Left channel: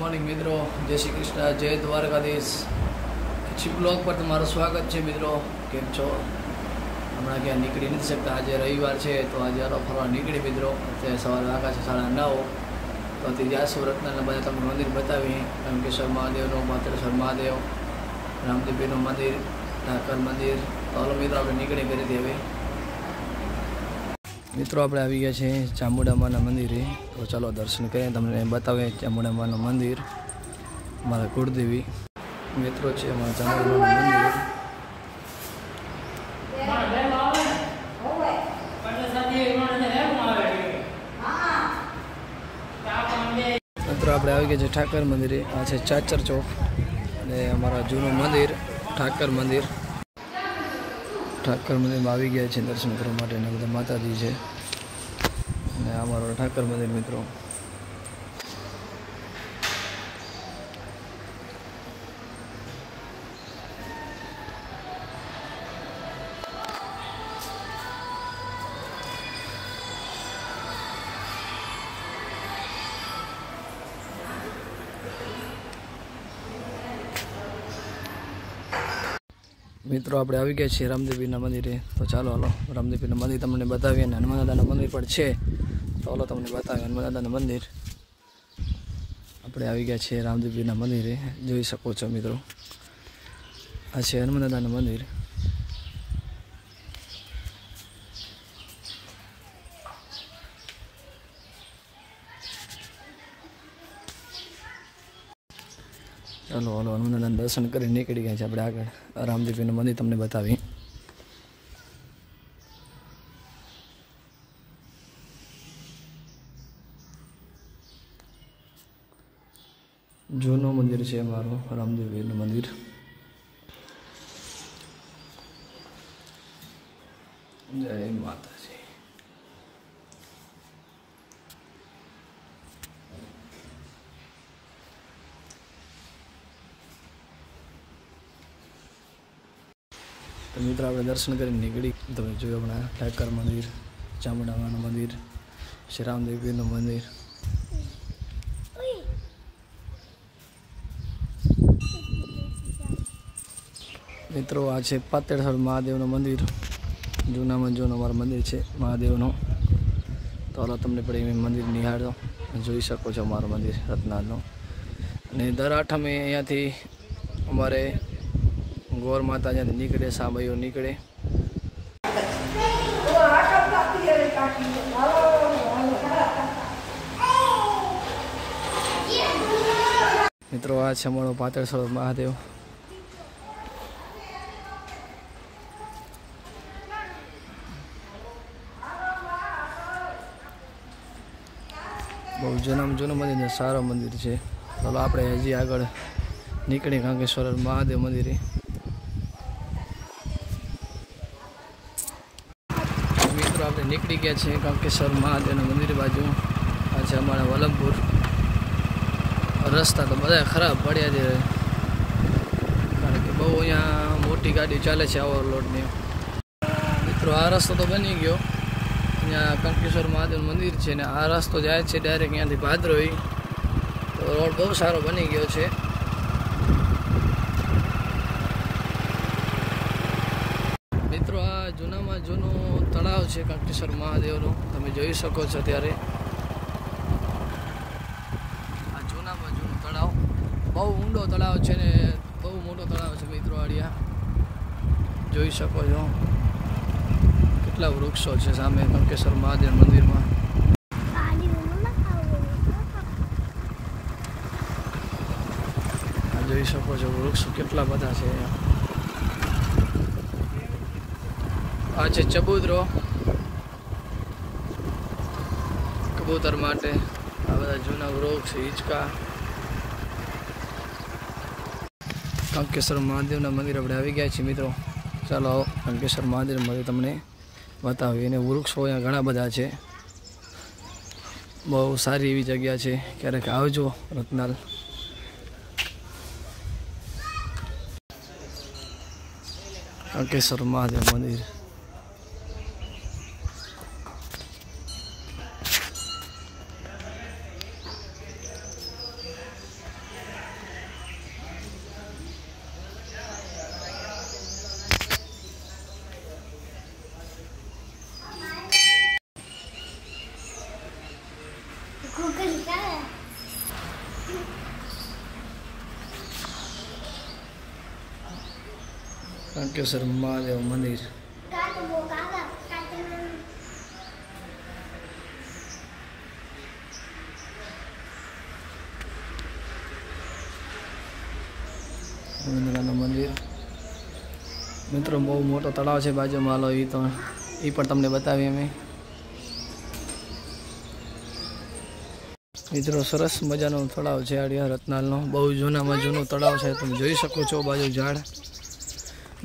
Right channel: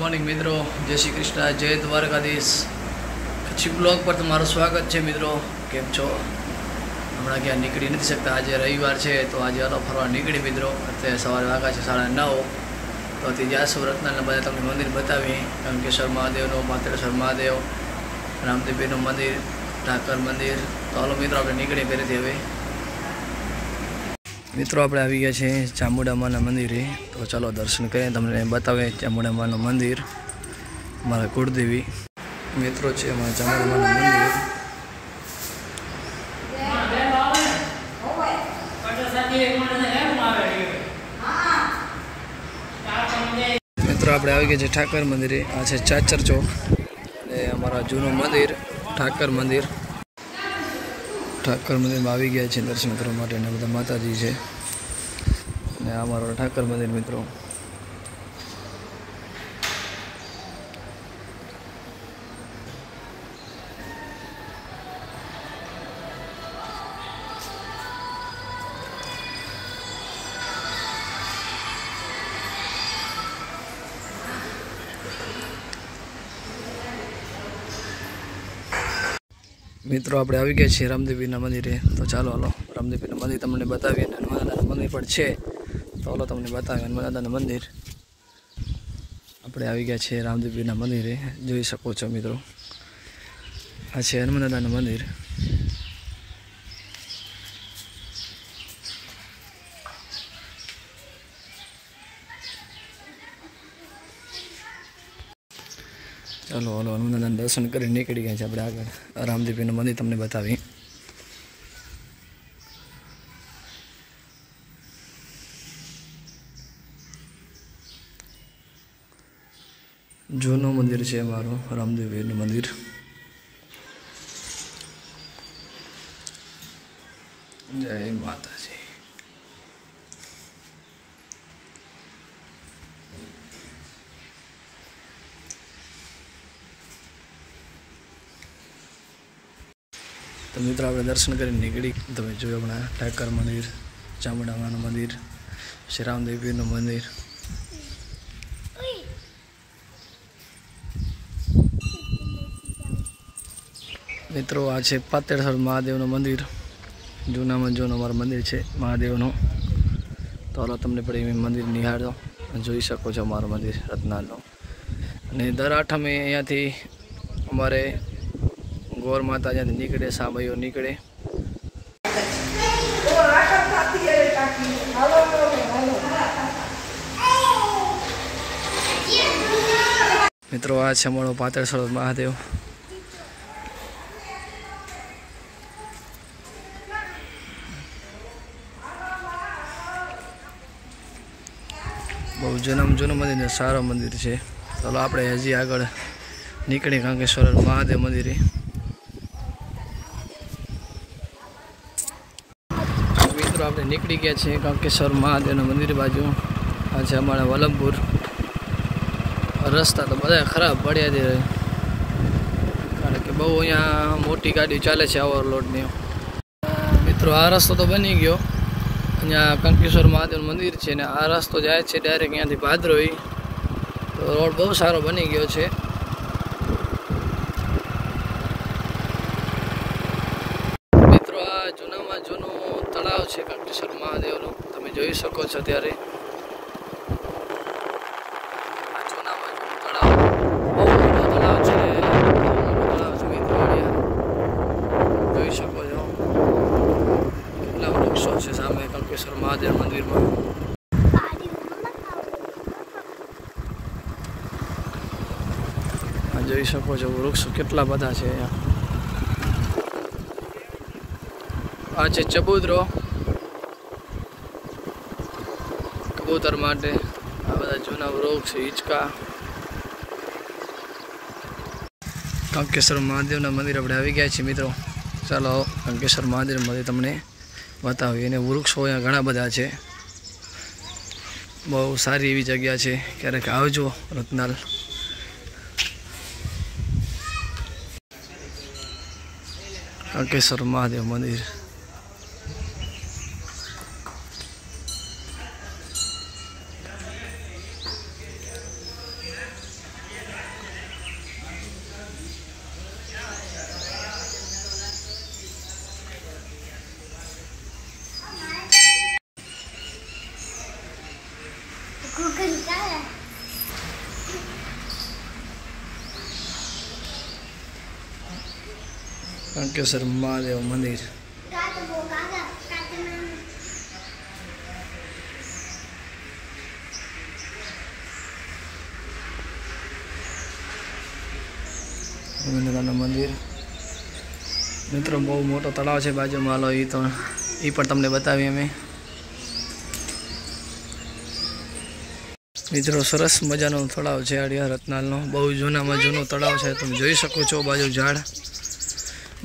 मॉर्निंग मित्रों, जय श्री कृष्ण, जय द्वारकाधीश। कच्छी ब्लॉग पर तमाરું स्वागत है मित्रों। केम छो? हमणा क्या निकली नहीं सकता, आज रविवार है तो आज हलो फरवा निकली मित्रों। अत्यारे सवारे वागा छे 9:30 तो अति जासू रत्नाल बधा तमने मंदिर बतावी। कंकेश्वर महादेव, पातेश्वर महादेव, रामदेव मंदिर, ठाकर मंदिर। तो हलो मित्रों આપણે નીકળી ઘરેથી હવે। मित्रों આપણે આવી ગયા છે ચામુંડા માના મંદિરે। તો ચાલો દર્શન કરીએ, તમને બતાવે ચામુંડા માનું મંદિર, મારા કુળદેવી મિત્રો છે અમારા ચામુંડા માનું મંદિર। મિત્રો આપણે આવી ગયા છે ઠાકર મંદિરે। આ છે ચાચર ચોક અને અમારા જૂનું મંદિર ઠાકર મંદિર। ઠાકર મંદિરમાં આવી ગયા છે દર્શન કરવા માટે, અને બધા માતાજી છે અને આ અમારું ઠાકર મંદિર મિત્રો। मित्रों આપણે આવી ગયા છીએ રામદેવીના મંદિરે। તો ચાલો હાલો રામદેવીના મંદિર તમને બતાવીએ, અને હનુમાન દાદાનું મંદિર પણ છે। તો હાલો તમને બતાવીએ હનુમાન દાદાનું મંદિર। આપણે આવી ગયા છીએ રામદેવીના મંદિરે, જોઈ શકો છો મિત્રો। આ છે હનુમાન દાદાનું મંદિર। चलो हलो हनुमान दादा दर्शन कर निकली गए अपने आग रामदेवी मंदिर तमने बतावी। जूनो मंदिर है अमारू रामदेवी मंदिर। जय माता जी। तो मित्रों આપણે દર્શન કરીને નીકળી। તમે જોયું હમણાં ઠાકર મંદિર, ચામુંડા માનું મંદિર, શ્રી રામદેવીનું મંદિર। મિત્રો આ છે પાતળેશ્વર મહાદેવનું મંદિર, જૂનામાં જૂનું અમારું મંદિર છે મહાદેવનું। તો હાલો તમને પણ એ મંદિર નિહાળો, જોઈ શકો છો અમારું મંદિર રત્નાલનું। અને દર આઠમે અહીંયાથી અમારે गौर माता जहाँ निकले सामयो निकले। मित्रों आ है अमो पातेश्वर महादेव। बहु जूनू मंदिर सारो मंदिर है। चलो आप हजी आग निकले कंकेश्वर महादेव मंदिर। આપણે નીકળી ગયા છીએ કંકેશ્વર મહાદેવના મંદિર બાજુ। આ છે અમારા વલભપુર। રસ્તા તો બધા ખરાબ પડ્યા છે, કારણ કે બહુ અહીંયા મોટી ગાડી ચાલે છે ઓવરલોડની। મિત્રો આ રસ્તો તો બની ગયો, અહીંયા કંકેશ્વર મહાદેવનું મંદિર છે ને આ રસ્તો જાય છે ડાયરેક્ટ અહીંયાથી ભાદરોઈ। તો રોડ બહુ સારો બની ગયો છે। મિત્રો આ જૂનામાં જૂનું तलाव है कंकेश्वर महादेव तब जी सको त्यारे तलाव बहुत मोटो तलाव है, जी सको के वृक्षों से सामे कंकेश्वर महादेव मंदिर में। जी सको वृक्ष के बधा है। आज चबूतरो कबूतर माटे आ बधा जूना वृक्ष हिचका। कंकेश्वर महादेव मंदिर अपने आई गया छे मित्रों। चलो कंकेश्वर महादेव मंदिर तमने बतावी। अने वृक्षो अहींया घणा बधा छे, बहु सारी एवी जग्या छे, क्यारेक आवजो रत्नाल। कंकेश्वर महादेव मंदिर। કાંકેસર મહાદેવ મંદિર. રવિન્દ્રનાથ મંદિર મિત્રો બહુ મોટો તળાવ છે બાજુમાં. હાલો એ પણ તમને બતાવીએ અમે. મિત્રો સરસ મજાનો તળાવ છે આડિયા રત્નાલનો. બહુ જૂનામાં જૂનું તળાવ છે. તમે જોઈ શકો છો બાજુ ઝાડ,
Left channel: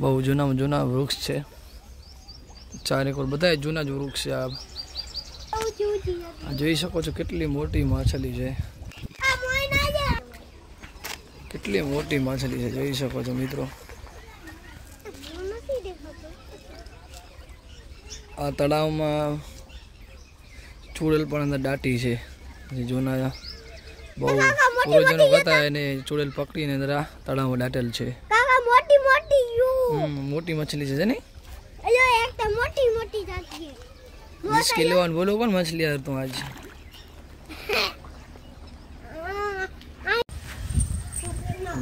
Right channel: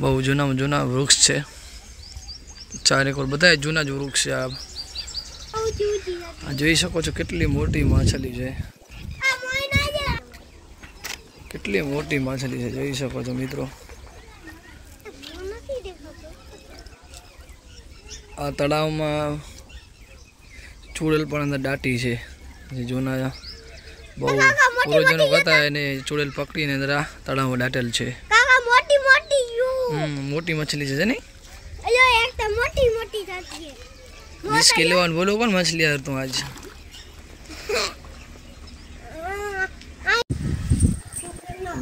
બહુ જૂનામાં જૂના વૃક્ષ છે. ચારેકોર બધા જૂના જ વૃક્ષ છે. આ જોઈ શકો છો કેટલી મોટી માછલી છે, કેટલી મોટી માછલી છે જોઈ શકો છો મિત્રો. આ તળાવમાં ચૂડેલ પણ અંદર દાટી છે. જે જૂના બહુ પૂર્વજનો હતા એને ચૂડેલ પકડીને અંદર આ તળાવમાં દાટેલ છે. મોટી મછલી છે ને 20 કિલો બોલો કોણ મછલી યાર તું આજ.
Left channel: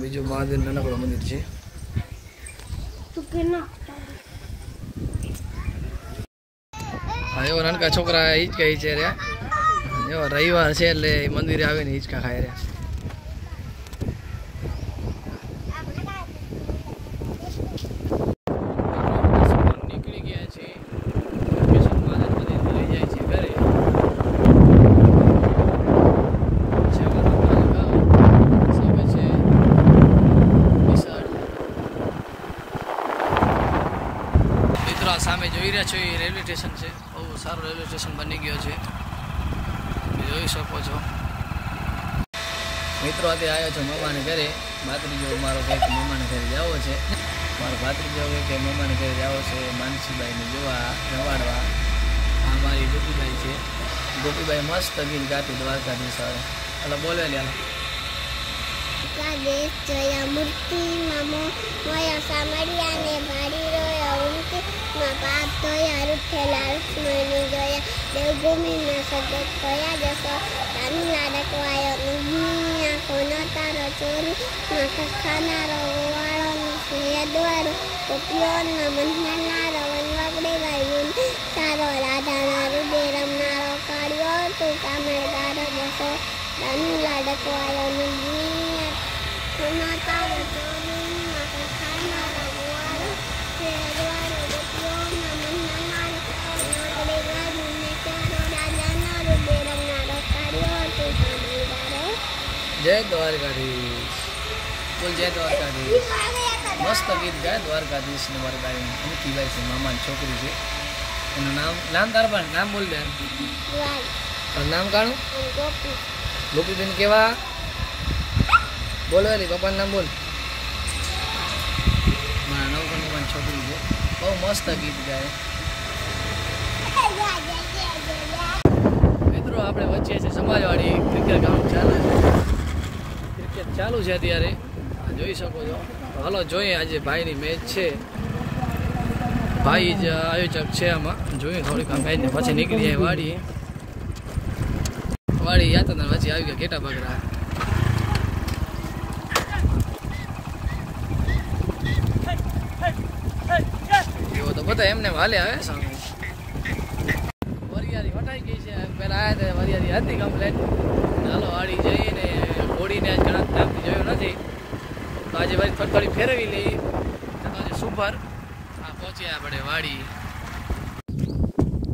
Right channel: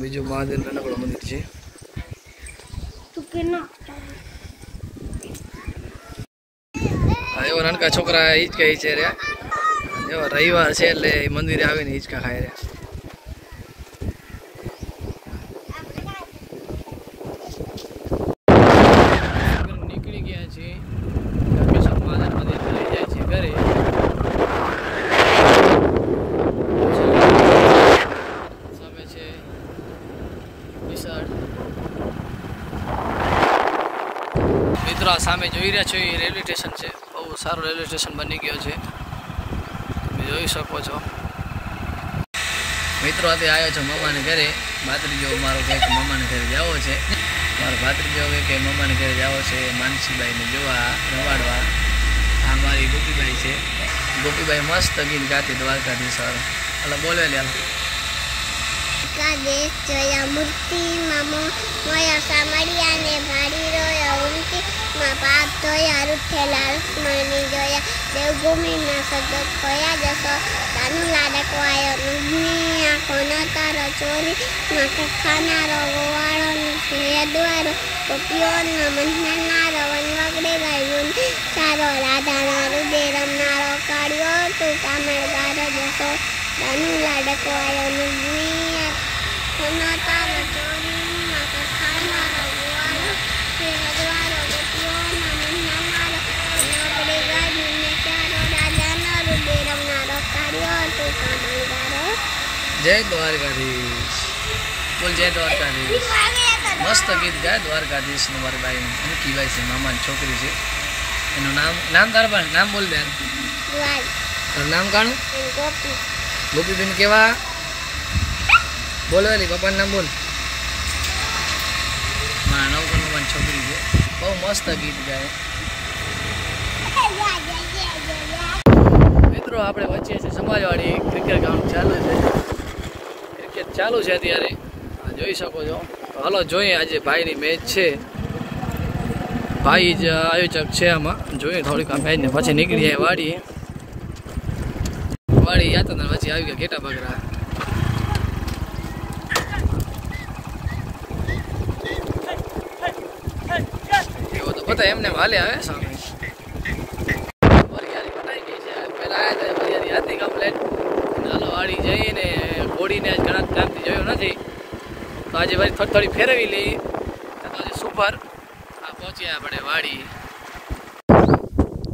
બીજું મહાદેવ નાનકડો મંદિર છે. એવો નાનકા છોકરા હિંચકા હિંચે રહ્યા. એવો રવિવાર છે એટલે મંદિરે આવીને હિંચકા ખાઈ રહ્યા. નીકળી ગયા છે મંદિર લઈ જાય છે ઘરે. સામે છે મિત્રો. આ સામે જોઈ રહ્યા છો એ રેલવે સ્ટેશન છે. બહુ સારું રેલવે સ્ટેશન બની ગયો છે, તમે જોઈ શકો છો મિત્રો. આજે આવ્યો છો મામાને ઘરે. ભાત્રીજો મારો કહે કે મામાને ઘરે જવો છે. મારો ભાત્રીજો કહે કે મામાને ઘરે જવો છે માનસીબાઈને જોવા રવાડવા. આ મારી ગોપીબાઈ છે. ગોપીબાઈ મસ્ત ગીત ગાતી દ્વારકાધીશ. એટલે બોલે લે દેશ જોયા મૂર્તિ મામો મોયા સામડિયા ને ભાડી રોયા ઉમટી માં પાપ ધોયા રૂઠેલા રુક્મણી જોયા દેવભૂમિના સદત ખોયા જશો તાનું લાડકવાયો નુગ્ની આંખો ન તારો ચોરી માથે ખાનારો ગોવાળો દ્વારો ગોપીઓનો મંથનારો વન વગડે ગયું સારો રાધાના હૃદય રમનારો કાળ્યો તું કામળગારો જશો તાનું લાડકવાયો નુગ્ની તારો ચોરી માથે ખાનારો ગોવાળો દ્વારો ગોપીઓના મંથનારો વગડે ગયું ને ચારો રાધાના હૃદય રમનારો કાળ્યો તું કામળગારો. જય દ્વારકાધીશ. બોલ જય દ્વારકાધીશ. મસ્ત ગીત ગાય દ્વારકાધીશ નું. મારી બાઈ અનકીબાઈ છે, મામાની છોકરી છે. એનું નામ તારા પણ નામ બોલ દે. તારું નામ કાણું? ગોપી. ગોપીબેન કેવા બોલો એલી પપ્પાનું નામ બોલ. મારા નવકણ મામાની છોકરી છે. બહુ મસ્ત ગીત ગાય મિત્રો. આપણે વચ્ચે છે સમાજવાડી ક્રિકેટ ગ્રાઉન્ડ ચાલુ છે. ક્રિકેટ ચાલુ છે અત્યારે જોઈ શકો છો. હાલો જોઈએ આજે ભાઈની મેચ છે. ભાઈ જ આયોજક છે આમાં. જોઈએ થોડીક આ મેચને પછી નીકળી જાય વાડી યાદ હતા પછી આવી ગયા ઘેટા બગડા. એવો તો બધા એમને હાલે આવે સામે. વરિયાળી કટાઈ ગઈ છે. પેલા આવ્યા વરિયાળી હતી કમ્પ્લેટ. ચાલો વાડી જઈને ઘોડીને આજ ઘણા ટાઈમથી જોયું નથી તો આજે વળી થોડી ફેરવી લઈ. તમારી સુપર પહોંચ્યા આપણે વાડી.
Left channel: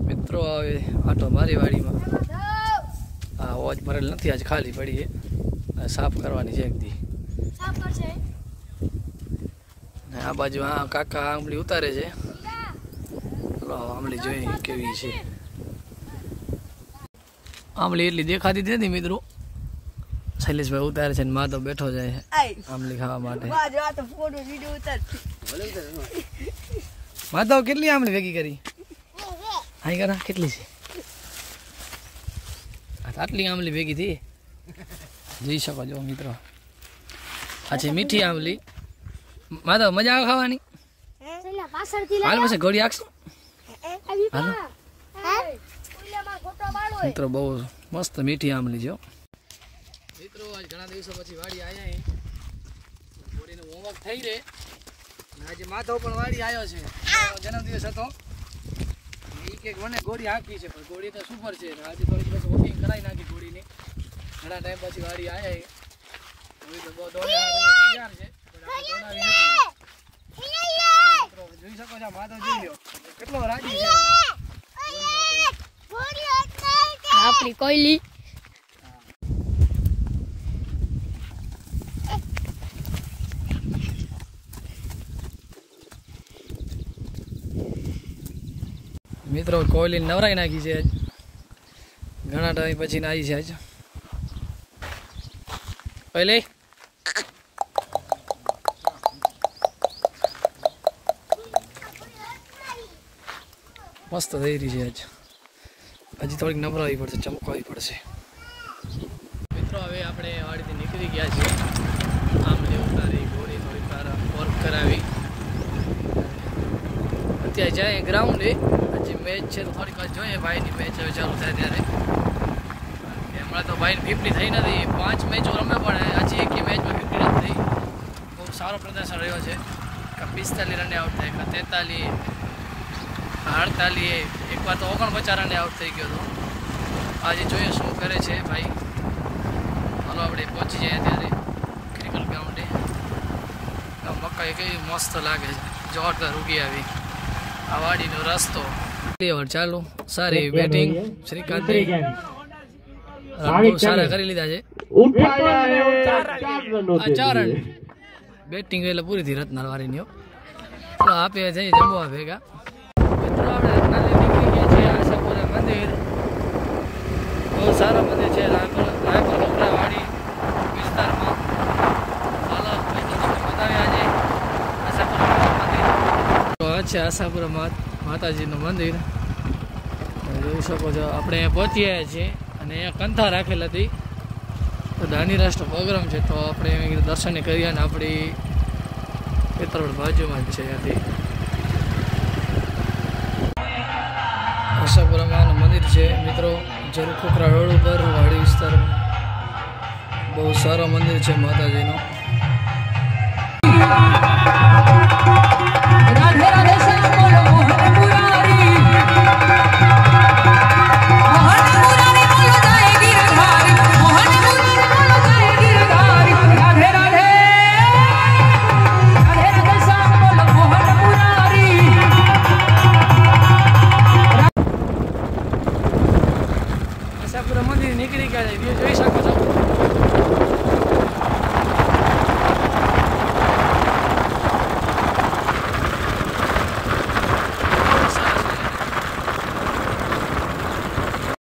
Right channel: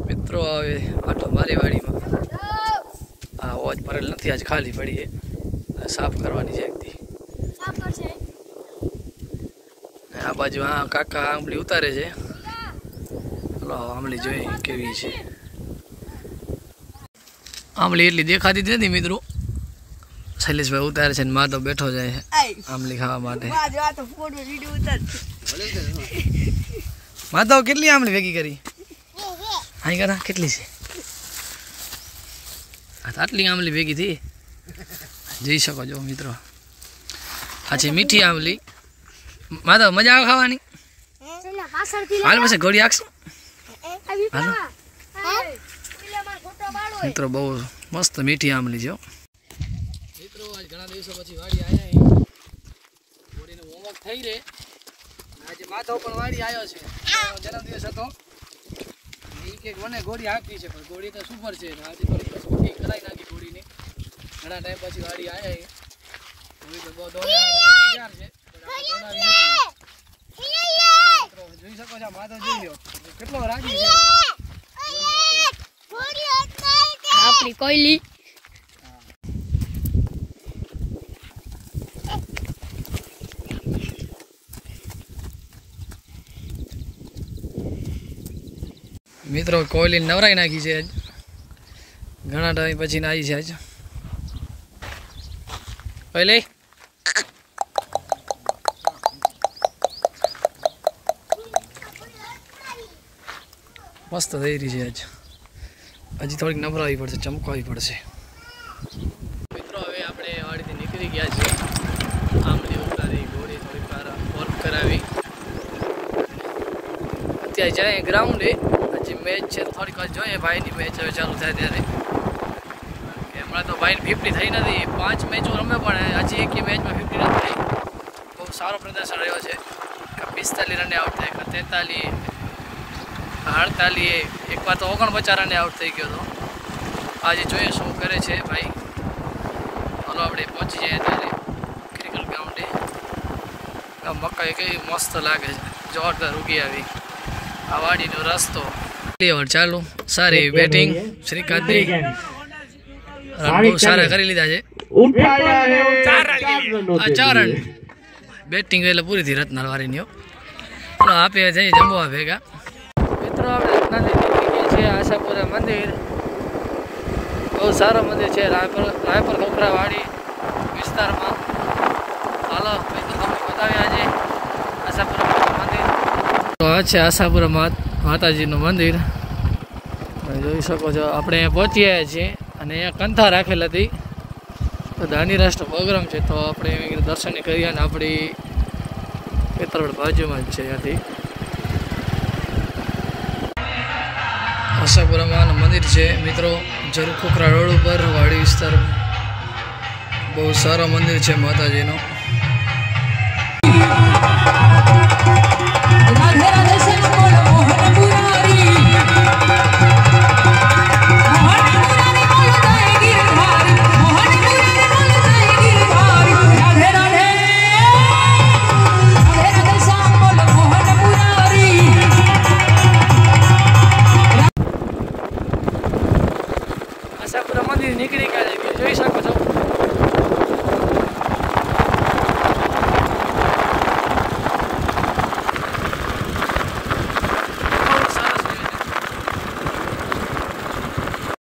મિત્રો આવે આટો મારી વાડીમાં. હા ઓજ ભરેલ નથી આજ ખાલી પડી છે. સાફ કરવાની છે એકથી. આ બાજુ આ કાકા આંબલી ઉતારે છે. ચલો આંબલી જોઈ કેવી છે. આંબલી એટલી દેખાતી જ નથી મિત્રો. શૈલેષભાઈ ઉતારે છે ને માં તો બેઠો જાય છે આંબલી ખાવા માટે. માધવ કેટલી આંબલી ભેગી કરી? હા કરા કેટલી છે? આટલી આંબલી ભેગી થઈ જોઈ શકો છો મિત્રો. આ છે મીઠી આંબલી. માધવ મજા આવે ખાવાની? હાલ પછી ઘોડી આખશું મિત્રો. બહુ મસ્ત મીઠી આંબલી છે મિત્રો. આજ ઘણા દિવસો પછી વાડી આવ્યા. ઘોડીનું હોમવર્ક થઈ રહે આજે માધવ પણ વાડી આવ્યો છે. જન્મદિવસ હતો. એક મને ગોળી હાકી છે પણ ગોળી તો સુપર છે. આજે થોડી ઓછી કરાઈ નાખી ગોળીની. ઘણા ટાઈમ પછી વાડી આવ્યા. ગોળી તો બહુ તૈયાર છે. જોઈ શકો છો માધવ જોઈ લો કેટલો રાજી છે. આપણી કોયલી મિત્રો કોયલી નવરાઈ નાખી છે. ઘણા ટાઈમ પછી આવી છે આજ કોયલી. મસ્ત થઈ રહી છે આજ. હજી થોડીક નવરાવી પડશે, ચમકાવી પડશે. મિત્રો હવે આપણે વાડીથી નીકળી ગયા છીએ. આંબલી ઉતારી ઘોડી થોડીક વાર વર્ક કરાવી. અત્યારે જાય ગ્રાઉન્ડે. હજી મેચ છે તો થોડીક વાર જોઈએ. ભાઈની મેચ હવે ચાલુ થાય ત્યારે. હમણાં તો ભાઈને 50 થઈ નથી. 5 મેચો રમે પણ હજી એક મેચમાં 50 રન થઈ. બહુ સારો પ્રદર્શન રહ્યો છે. 45 રને આઉટ થાય, 43, 48, એકવાર તો 49 રને આઉટ થઈ ગયો હતો. આજે જોઈએ શું કરે છે ભાઈ. હાલો આપણે પહોંચી જઈએ ત્યારે ક્રિકેટ ગ્રાઉન્ડે. મકાઈ કેવી મસ્ત લાગે છે, જોરદાર ઉગી આવી. આ વાડીનો રસ્તો ચાલુ. સારી બેટિંગ શ્રીકાંતની. રન બહુ સારા કરી લીધા છે. 4 રન બેટિંગ એટલે પૂરી થઈ રત્નાલ વાળીની. ચલો આપે જઈએ જમવા ભેગા. મિત્રો આપણે રત્નાલી નીકળી ગયા છે. આશાપુરા મંદિર બહુ સારું મંદિર છે. રાયપર ખોખરા વાડી વિસ્તારમાં. હાલો મિત્રો તમને બતાવ્યા આજે આશાપુરા મંદિર. તો આ છે આશાપુરા માતાજીનું મંદિર. જોઈ શકો છો આપણે અહીંયા પહોંચી આવ્યા છીએ. અને અહીંયા કંથા રાખેલ હતી. તો દાની રાષ્ટ્ર પ્રોગ્રામ છે તો આપણે દર્શન કર્યા. અને આપણી પેતરવડ બાજુમાં જ છે. ત્યાંથી આશાપુરામાં મંદિર છે મિત્રો. જરૂર ખોખરા રોડ ઉપર વાડી વિસ્તાર. બહુ સારો મંદિર છે માતાજીનો. આશાપુરા મંદિર નીકળી ગયા છે. જોઈ શકો